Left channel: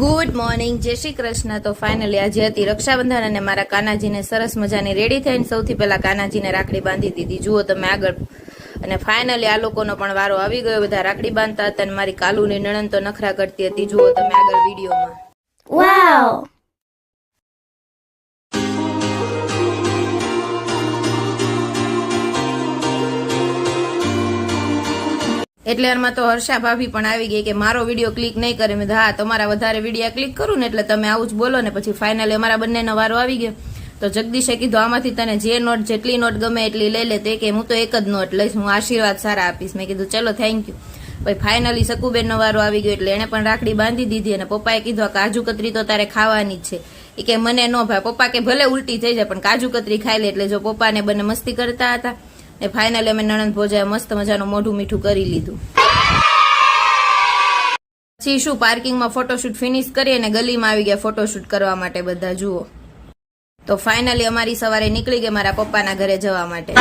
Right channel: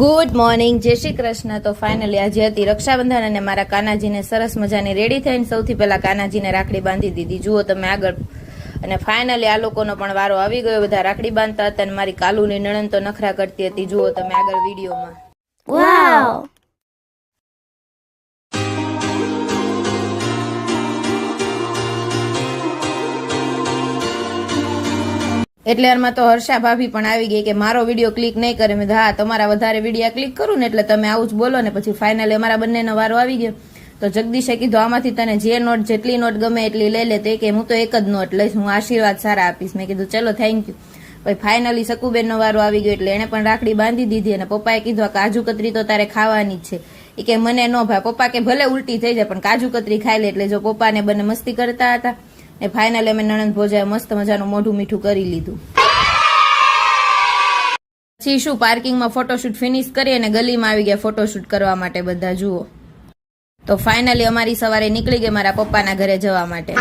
Good morning, જય શ્રી કૃષ્ણ। તો finally આજે હતી રક્ષાબંધન અને મારા કાનાજીને સરસ મજાની રેડી થઈને સૌથી પહેલા કાનાજીને રાખડી બાંધી દીધી। જુઓ તમે આગળ। અને ફાઇનલી આ લોકોનો પણ વારો આવી ગયો, બધા રાખડી બાંધતા હતા અને મારી કાલુની નણંદ તો નખરા કરતી હતી। જુઓ તમે આગળ વિડીયોમાં। વાવ! એટલે એમાં તો હર્ષા ભાભી પણ આવી ગઈ કે મારો વિડીયો ક્લિક નહીં કરે। મેં હા, તમારા વધારે વિડીયો ક્લિક કરું ને એટલે તમે આવું જ બોલો ને। પછી ફાઇનલી અમારા બંનેનો વારો આવી ગયો। તો જગદીશે કીધું આમાંથી તને જે નોટ જેટલી નોટ ગમે એટલી લઈ લે। તો કે હું તો એક જ નોટ લઈશ, હું આશીર્વાદ સારા આપીશ। મેં કીધું ચલો થેન્ક યુ। પછી ફાઇનલી સકુબેનનો વારો આવી ગયો એટલે એને પણ રાખડી બાંધી દીધી। અને પપ્પાએ કીધું આ કાજુ કતરી તો તારે ખાવાની જ છે। એ કે મને ન ભાઈ, પપ્પા કે ભલે ઉલટી થઈ જાય પણ કાજુ કતરી ખાઈ લે। એટલે જો પપ્પાને બંને મસ્તી કરતા હતા ને ફાઇનલી અમે નણંદ ભોજાએ મસ્ત મજાનું મોઢું મીઠું કરી લીધું। પછી શું પાર્કિંગમાં ફોટોશૂટ ફિનિશ કરી અને ગલીમાં આવી ગયા ફોટોશૂટ કરવા માટે બધા। જુઓ તો ફાઇનલી અમારી સવારે નીકળી ગઈ મારા પપ્પાના ઘરે જવા માટે।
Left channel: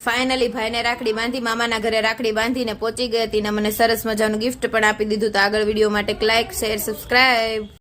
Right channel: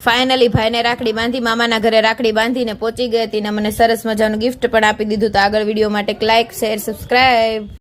ફાઇનલી ભાઈને રાખડી બાંધી મામાના ઘરે રાખડી બાંધીને પહોંચી ગઈ હતી ને મને સરસ મજાનું ગિફ્ટ પણ આપી દીધું। તો આગળ વિડીયો માટે લાઈક, શેર, સબસ્ક્રાઇબ।